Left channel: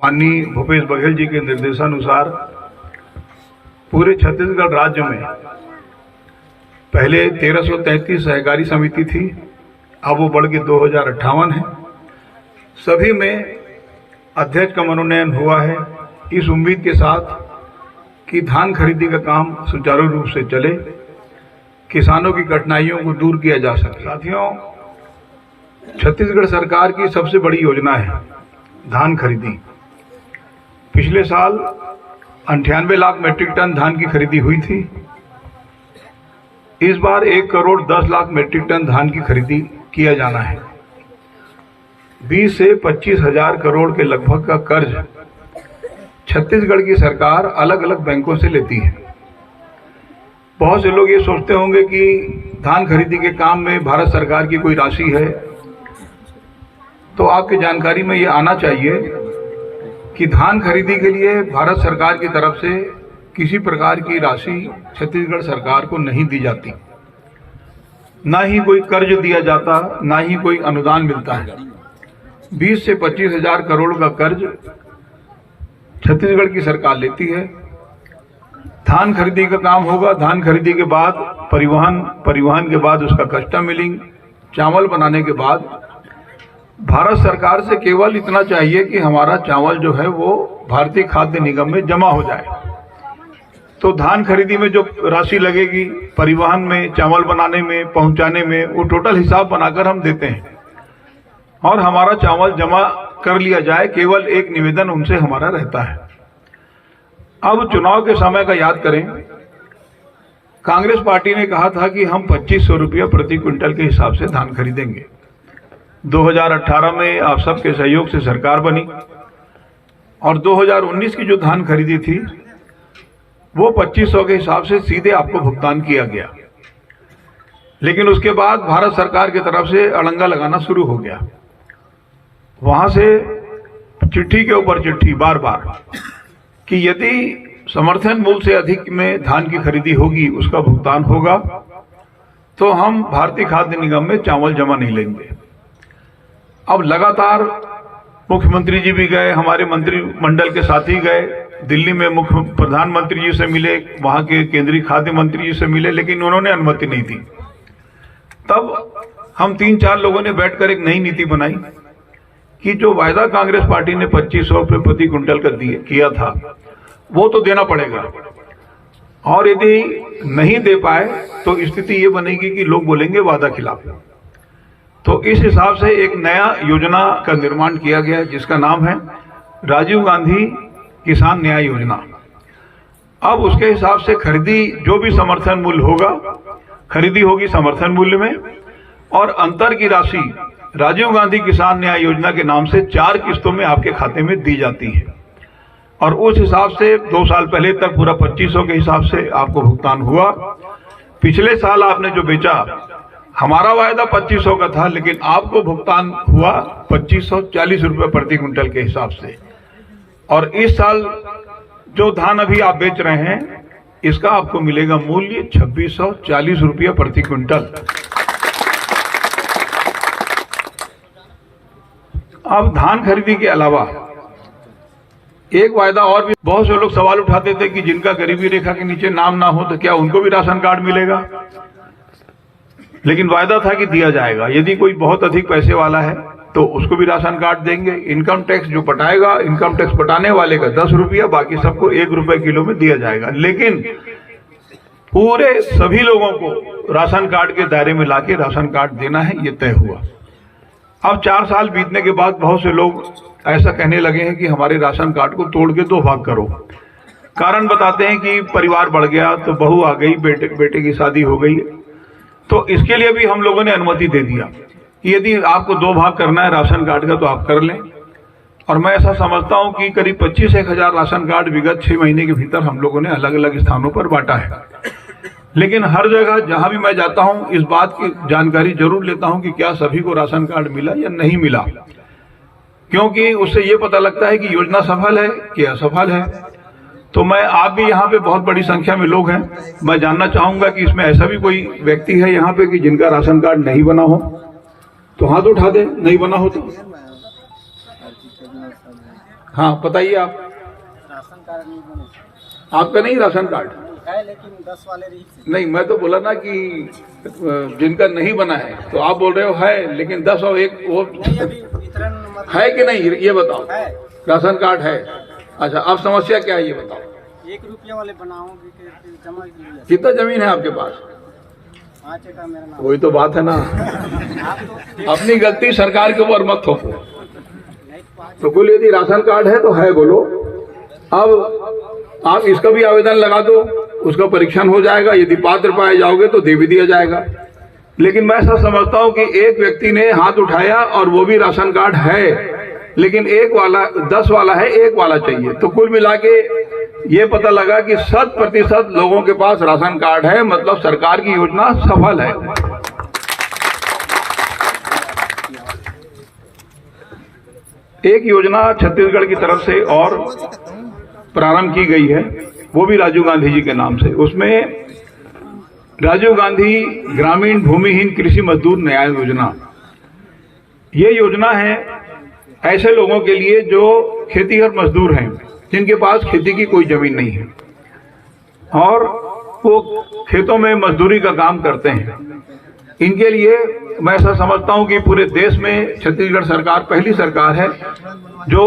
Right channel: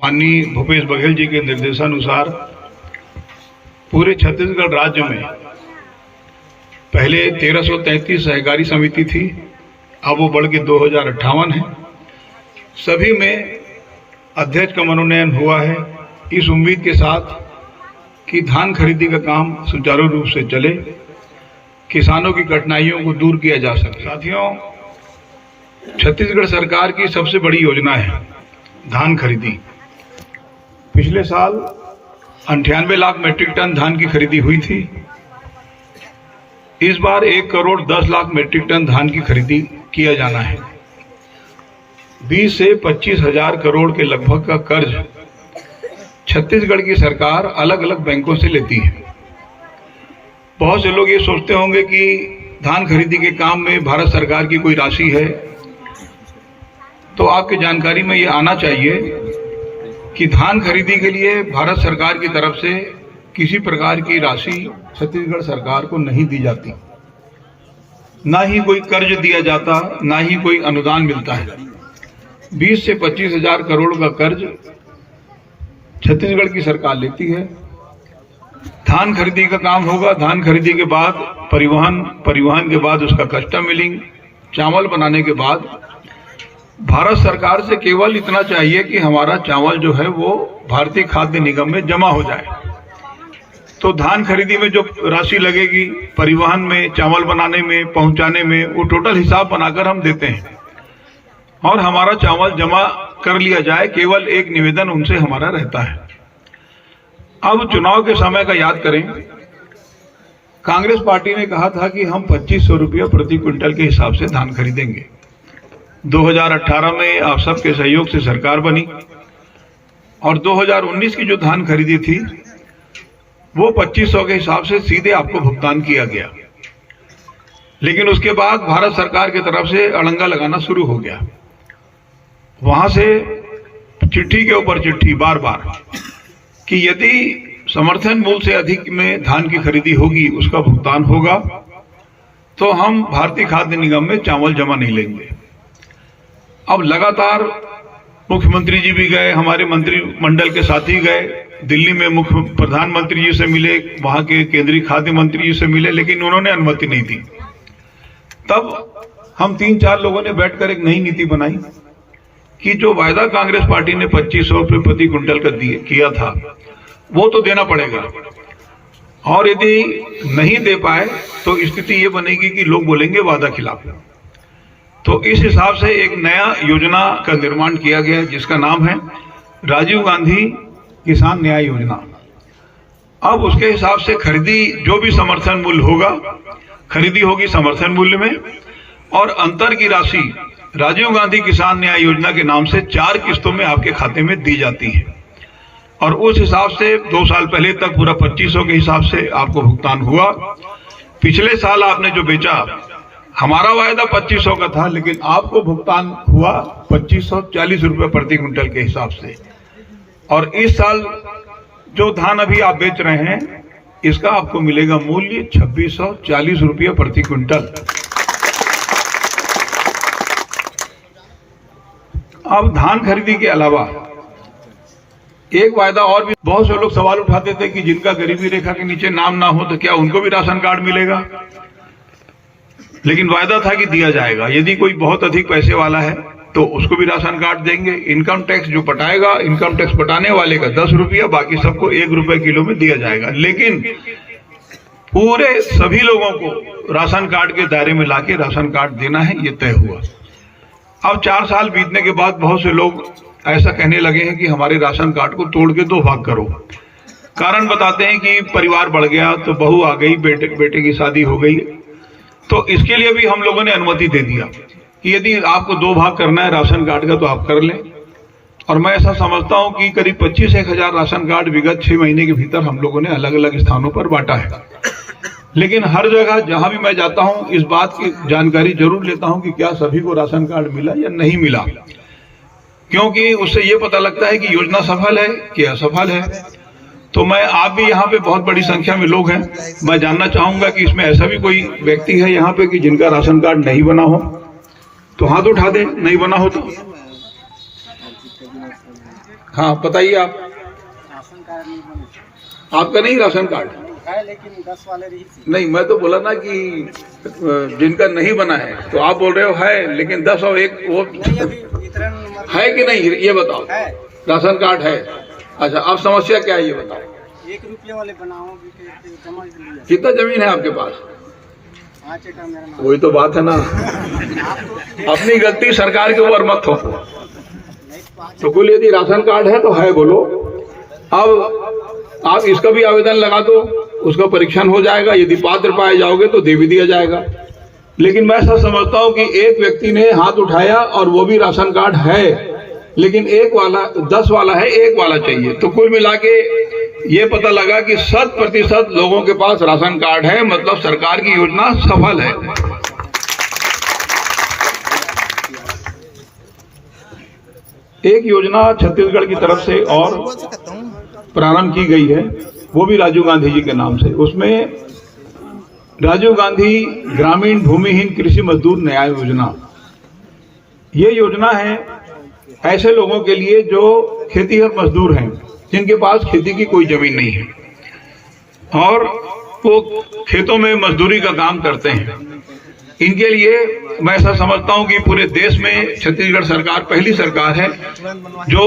माननीय भूपेश बघेल जी के निर्देशानुसार पूरे छत्तीसगढ़ राज्य में पहले 1333 सहकारी समिति थी, अब वो बढ़ के 2058 है। सभी में अध्यक्ष का मनोनयन हुआ है, इस उम्मीद के साथ कि धान खरीदी का काम सुचारू रूप से चले, किसानों की कठिनाइयों को दूर किया जा सके। साथियों, छत्तीसगढ़ सरकार की सबसे बड़ी योजना है धान खरीदी। पिछले साल 98 लाख मीट्रिक टन धान की खरीदी हुई थी। इस बार 1 करोड़ 10 लाख मीट्रिक टन धान की खरीदी किया जाना है। 20 से 25 हजार करोड़ के लगभग का कर्ज छत्तीसगढ़ की सरकार अलग अलग बैंकों से लेती है। बहुत से लोग ये सोचते होंगे कि धान खरीदी के काम में भारत सरकार की कोई राशि है, तो आपकी जानकारी में ये आना चाहिए कि धान खरीदी के लिए भारत सरकार की तरफ से किसी प्रकार की राशि छत्तीसगढ़ सरकार को नहीं दी जाती, ना ही कोई कर्ज दिया जाता, ना ही कोई अनुदान मिलता है। 20 से 25 हजार करोड़ का कर्ज छत्तीसगढ़ की सरकार लेती है। धान खरीदी का काम होगा, धान खरीदी के बाद परिवहन के बाद उसका कस्टम मिलिंग, चावल बनाने के बाद भारत सरकार से केवल इतना चाहिए कि हमारा चावल जो है वो भारतीय खाद्य निगम में जमा हो जाए। तो धान खरीदी में जो राशि लगेगी, परिवहन में, चावल बनाने में, पहुंचाने में, वो टोटल हिसाब बनाकर हम देते हैं और हमारा चावल जमा कर लिया जाए, केवल एक निवेदन उनसे हमारा रहता है। अब चुनाव के समय का याद करें, कांग्रेस पार्टी ने कहा था कि हम 2500 रुपया प्रति क्विंटल के हिसाब से धान खरीदेंगे। 2018 में आप सबके सहयोग से सरकार बनी और 2019 की जो धान खरीदी थी वो 2500 के हिसाब से सीधे आपको भुगतान किया गया। लेकिन उसके बाद भारत सरकार की तरफ से अड़ंगा लगाना शुरू हो गया। वहां से चिट्ठी के ऊपर चिट्ठी बार बार कि यदि समर्थन मूल्य से अधिक में धान की खरीदी होगी, उसका भुगतान होगा, तो हम भारतीय खाद्य निगम में चावल जमा नहीं लेंगे। अब लगातार मुख्यमंत्री जी भी गए, हमारे मंत्रिमंडल के साथी गए, दिल्ली में मुख्य प्रधानमंत्री जी से मिले, वहां के केंद्रीय खाद्य मंत्री जी से मिले, लेकिन उन्होंने अनुमति नहीं दी। तब हम 3-4 लोगों ने बैठकर एक नई नीति बनाई कि जो वायदा कांग्रेस पार्टी ने 2500 रुपये प्रति क्विंटल का किया था वो तो देना पड़ेगा, और यदि नहीं दे पाए तो स्थिति ये बनेगी कि लोग बोलेंगे वादा खिलाफ। तो इस हिसाब से एक नया योजना का निर्माण किया गया जिसका नाम है राजीव गांधी किसान न्याय योजना। अब उसके हिसाब से खरीदी जो भी समर्थन मूल्य होगा, खरीदी होगी समर्थन मूल्य में, और अंतर की राशि राजीव गांधी किसान न्याय योजना के नाम से 4 किस्तों में आपके खाते में दी जाती है। और उस हिसाब से 2 साल पहले तक पूरा 2500 के हिसाब से आपको भुगतान हुआ। पिछले साल आपने जो बेचा, हमारा वायदा 2500 का था, लेकिन आपको भुगतान हुआ 2540 रुपये प्रति क्विंटल के हिसाब से। और इस साल जो धान अभी आप बेच रहे हैं, इसका आपको मिलेगा मूल्य 2640 रुपये प्रति क्विंटल। अब धान खरीदी के अलावा एक वायदा और भी, बहुत से लोग सवाल उठाते थे कि जिनका गरीबी रेखा के नीचे नाम ना हो तो क्या उनको भी राशन कार्ड मिलेगा। लेकिन वायदा था कि दिया जाएगा। यदि कोई बहुत अधिक पैसे वाला है तो उसको भी राशन कार्ड देंगे। इनकम टैक्स जो पटाएगा, इनकम टैक्स पटाने वाले का 10 रुपया, बाकी सबको 1 रुपये किलो में दिया जाएगा। लेकिन पूरे सभी लोगों को राशन कार्ड के दायरे में लाके राशन कार्ड देना है, ये तय हुआ। अब 4 साल बीतने के बाद बहुत से लोग ऐसा कहने लगे हैं कि हमारे राशन कार्ड को तोड़ के 2 भाग करो। कारण बताते हैं कि परिवार बढ़ गया, तो बहू आ गई, बेटे की शादी हो गई। तो इसके लिए भी हम लोगों ने अनुमति दे दिया कि यदि आपको 2 भाग करना है राशन कार्ड का तो आप कर लें। और मैं ऐसा समझता हूं कि करीब 25-1 हजार राशन कार्ड विगत 6 महीने के भीतर हम लोगों ने अलग अलग स्थानों पर बांटा है। लेकिन हर जगह जहां भी मैं जाता हूं, इस बात की जानकारी जरूर लेता हूं कि क्या सभी को राशन कार्ड मिला या नहीं मिला, क्योंकि उससे ये पता लगता है कि योजना सफल है कि असफल है। तो मैं, आप भी यहाँ पे बहुत बड़ी संख्या में लोग हैं, मैं जानना चाहूंगा कि इसमें ऐसा भी कोई व्यक्ति है यहाँ पे कि जिनका राशन कार्ड नहीं बना हो, तो हाथ उठा दे। नहीं बना हो तो हाँ बताइए आप। राशन कार्ड नहीं बने आपका नहीं राशन कार्ड है, लेकिन 10 वाले रही थी। नहीं, मैं तो बोला ना कि जिनका नहीं बना है, तो आप बोल रहे हो है, लेकिन 10 और 1 वो नहीं, अभी वितरण मतलब है कि नहीं ये बताओ। है, राशन कार्ड है। अच्छा, अब समस्या क्या है ये बताओ। 1 रुपये वाले बनाओ जमा लिया। कितना जमीन है आपके पास? 5 एकड़ मेरा नाम। वही तो बात है ना, आप तो अपनी गलती सरकार के ऊपर मत थोपो। तो कुल यदि राशन कार्ड है तो है बोलो। अब आप इसका भी आवेदन लगा दो, उसका परीक्षण हो जाएगा, यदि पात्र पाए जाओगे तो दे भी दिया जाएगा। लेकिन मैं ऐसा समझता हूं कि एक व्यक्ति ने हाथ उठाया और वो भी राशन कार्ड है, लेकिन 10 वाला है, 1 वाला चाहिए। तो कुल मिला के ये पता लगा कि 100% लोगों के पास राशन कार्ड है, मतलब सरकार की योजना सफल है। एक योजना छत्तीसगढ़ की तरफ से और प्रारंभ की गई है, वो भी राजीव गांधी जी के नाम से। उसमें राजीव गांधी ग्रामीण भूमिहीन कृषि मजदूर न्याय योजना, ये योजना है ऐसे लोगों के लिए जो खेतीहर मजदूर हैं, जिनके पास खेती की कोई जमीन नहीं है और वो खेतों में मजदूरी का काम करते हैं। इनके लिए मैं ऐसा समझता हूं कि पूरे देश में छत्तीसगढ़ सरकार पहली सरकार है जो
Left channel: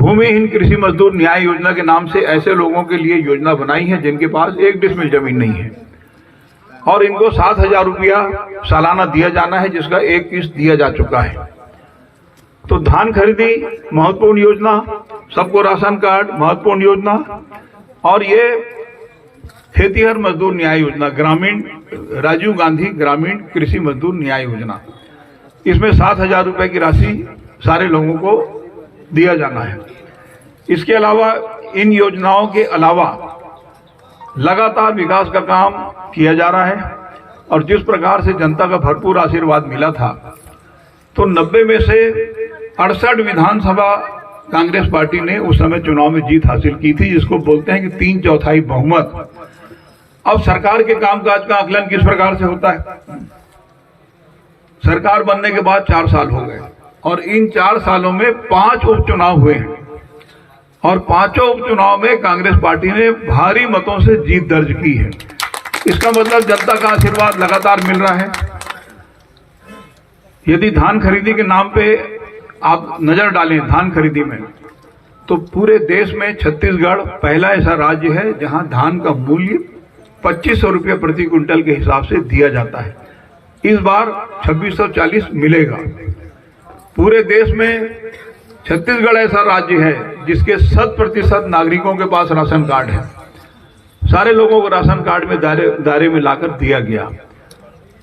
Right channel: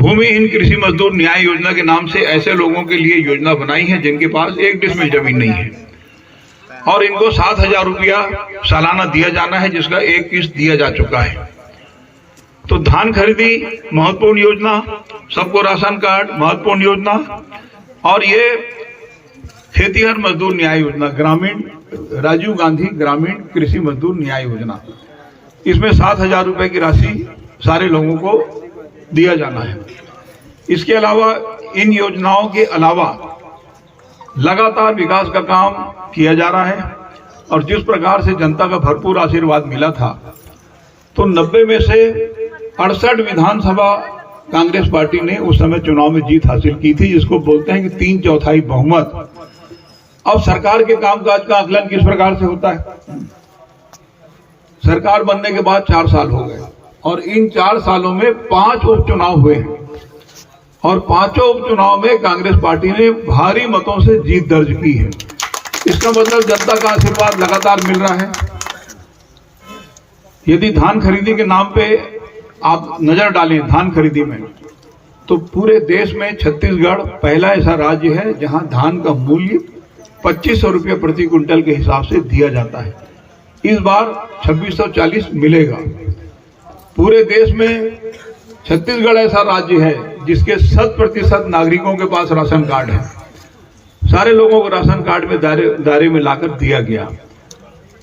भूमिहीन कृषि मजदूर न्याय योजना के नाम से ऐसे लोगों के लिए योजना बनाई है जिनके पास 1 डिसमिल जमीन नहीं है, और इनको 7,000 रुपया सालाना दिया जाना है, जिसका 1 किस्त दिया जा चुका है। तो धान खरीदी महत्वपूर्ण योजना, सबको राशन कार्ड महत्वपूर्ण योजना, और ये खेतीहर मजदूर न्याय योजना ग्रामीण राजीव गांधी ग्रामीण कृषि मजदूर न्याय योजना, इसमें 7,000 रुपए की राशि सारे लोगों को दिया जाना है। इसके अलावा इन योजनाओं के अलावा लगातार विकास का काम किया जा रहा है, और जिस प्रकार से जनता का भरपूर आशीर्वाद मिला था, तो 90 में से 68 विधानसभा कांग्रेस पार्टी ने उस समय चुनाव में जीत हासिल की थी, जिसको बोलते हैं कि 3/4 बहुमत। अब सरकार के कामकाज का आकलन किस प्रकार से होता है? सरकार बनने के बाद 4 साल हो गए, और इन 4 सालों में 5 उपचुनाव हुए हैं, और 5 उपचुनाव में कांग्रेस पार्टी ने भारी मतों से जीत दर्ज की है। इसका मतलब जनता का आशीर्वाद लगातार मिल रहा है। यदि धान खरीदी के नाम पे आप नजर डालें धान खरीदी में, तो पूरे देश में छत्तीसगढ़ पहला ऐसा राज्य है जहां धान का मूल्य 2500 रुपये प्रति क्विंटल के हिसाब से दिया जाता है। इस बार 2640 मिलेगा। पूरे देश में छत्तीसगढ़ ऐसा राज्य है जिसके 100% नागरिकों के पास राशन कार्ड है। सारे लोगों को राशन कार्ड में दायरे में लाकर दिया गया,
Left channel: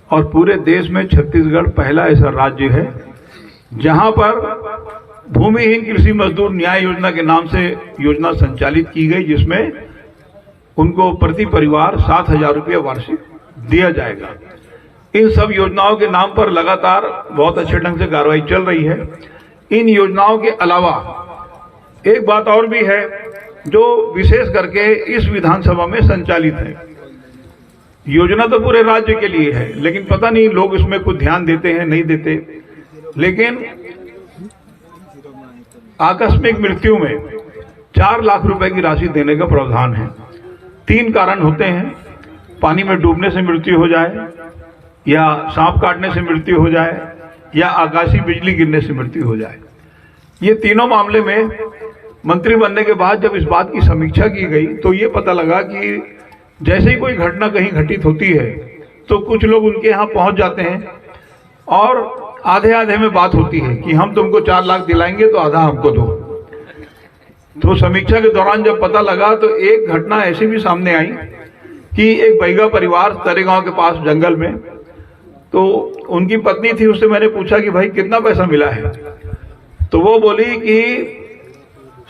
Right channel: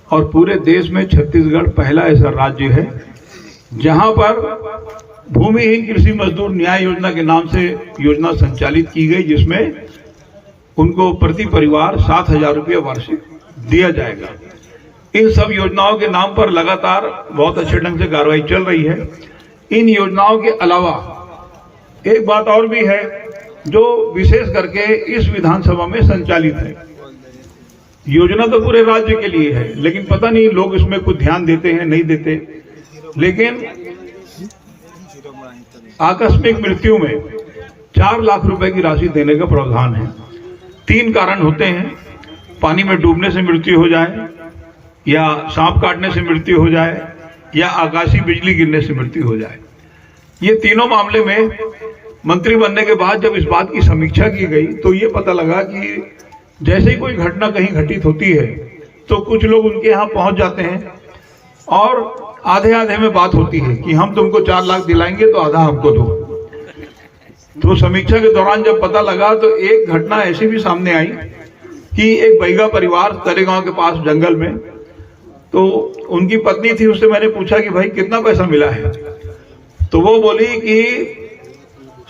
और पूरे देश में छत्तीसगढ़ पहला ऐसा राज्य है जहां पर भूमिहीन कृषि मजदूर न्याय योजना के नाम से योजना संचालित की गई, जिसमें उनको प्रति परिवार 7,000 रुपये वार्षिक दिया जाएगा। इन सब योजनाओं के नाम पर लगातार बहुत अच्छे ढंग से कार्रवाई चल रही है। इन योजनाओं के अलावा एक बात और भी है जो विशेष करके इस विधानसभा में संचालित है। योजना तो पूरे राज्य के लिए है, लेकिन पता नहीं लोग इसमें कुछ ध्यान देते हैं नहीं देते। लेकिन आकस्मिक मृत्यु में 4 लाख रुपए की राशि देने का प्रावधान है। 3 कारण होते हैं: पानी में डूबने से मृत्यु हो जाए, या सांप काटने से मृत्यु हो जाए, या आकाशीय बिजली गिरने से मृत्यु हो जाए। ये तीनों मामले में मंत्री बनने के बाद जब इस बात की समीक्षा की गई, तो ये पता लगा कि जैसे ही कोई घटना कहीं घटित होती है तो कुछ लोग उनके यहाँ पहुंच जाते हैं, और आधे आधे में बात होती है कि हम तुमको 4 लाख दिलाएंगे तो आधा हमको दो। तो समीक्षा के दौरान जब पता लगा तो एक घटना ऐसी भी सामने आई कि एक बैगा परिवार तरेगांव के पास जंगल में, तो उनकी पत्नी थी, उससे मैंने पूछा कि भाई कितना पैसा मिला है? तो वो बोली कि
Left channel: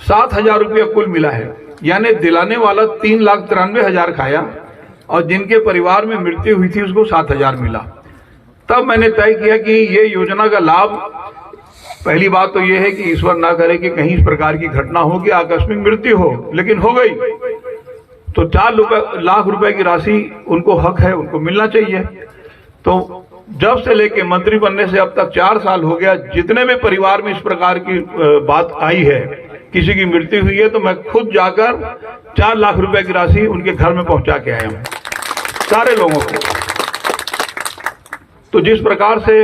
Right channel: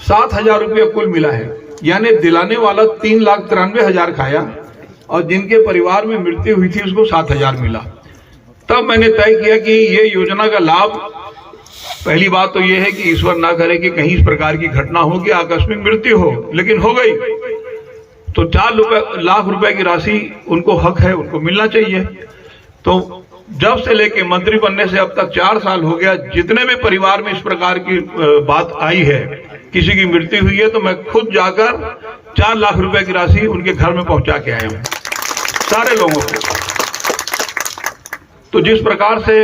7,000 रुपया कुल मिला है। यानी दिलाने वाला 3,93,000 खाया, और जिनके परिवार में मृत्यु हुई थी उसको 7,000 मिला। तब मैंने तय किया कि ये योजना का लाभ, पहली बात तो ये है कि ईश्वर ना करे कि कहीं इस प्रकार की घटना हो कि आकस्मिक मृत्यु हो, लेकिन हो गई तो 4 लाख रुपए की राशि उनको हक है, उनको मिलना चाहिए। तो जब से लेके मंत्री बनने से अब तक 4 साल हो गया, जितने भी परिवार में इस प्रकार की बात आई है, किसी की मृत्यु हुई है तो मैं खुद जाकर 4 लाख रुपए की राशि उनके घर में पहुंचा के आया हूं, सारे लोगों को। तो जिस प्रकार से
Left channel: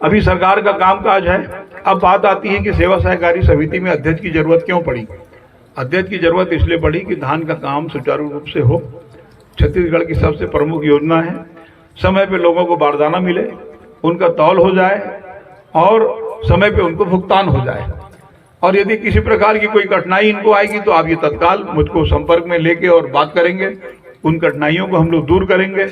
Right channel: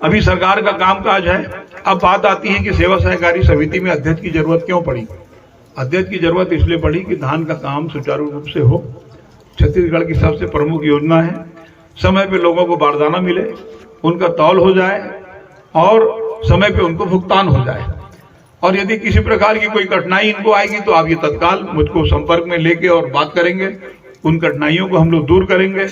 अभी सरकार का कामकाज है, अब बात आती है कि सेवा सहकारी समिति में अध्यक्ष की जरूरत क्यों पड़ी। अध्यक्ष की जरूरत इसलिए पड़ी कि धान का काम सुचारू रूप से हो। छत्तीसगढ़ की सबसे प्रमुख योजना है, समय पे लोगों को बारदाना मिले, उनका तौल हो जाए और समय पे उनको भुगतान हो जाए। और यदि किसी प्रकार की कोई कठिनाई इनको आएगी तो आप ये तत्काल मुझको संपर्क में लेके और बात करेंगे, उन कठिनाइयों को हम लोग दूर करेंगे।